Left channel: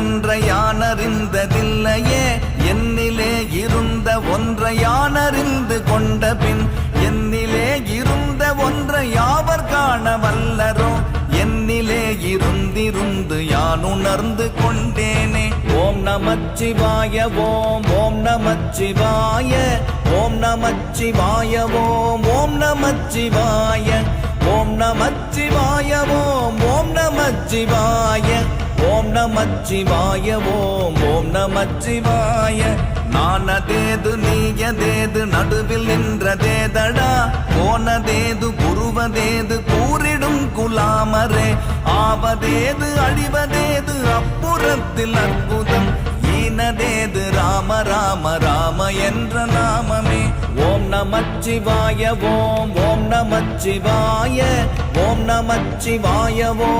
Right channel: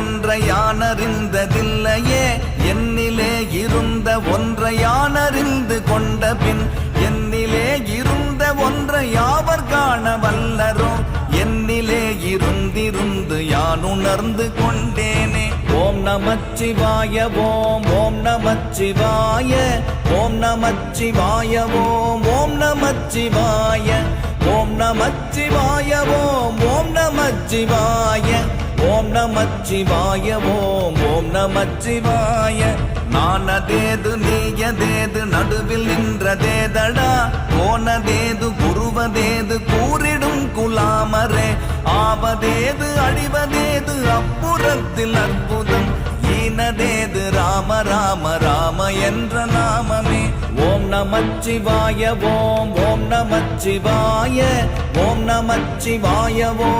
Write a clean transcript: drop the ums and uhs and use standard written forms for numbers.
ஒன்றை யானறிந்ததில்லையே என்னிலே இருந்த ஒன்றை யானறிந்து கொண்ட பின் என்னிலே இருந்த ஒன்றை யாவர் காண வல்லரோ என்னிலே இருந்திருந்து யான் உணர்ந்து கொண்டேனே. ஓம் நமச்சிவாய ஓம் ஓம் நமச்சிவாய ஓம் நமச்சிவாய ஓம் ஓம் நமச்சிவாய ஓம் நமச்சிவாய ஓம் ஓம் நமச்சிவாய ஓம் நமச்சிவாய ஓம் ஓம் நமச்சிவாய. மானதேது நீயதேது நடுவில் நின்றதேதடா போனதேது புருவதேது கூறிடும் குலாமரே ஆவதேது அழிவதேது அப்புறத்தில் அற்புதம் ஈனதேது ராம ராம ராம என்ற நாமமே. ஓம் நமச்சிவாய ஓம் ஓம் நமச்சிவாய ஓம் நமச்சிவாய ஓம்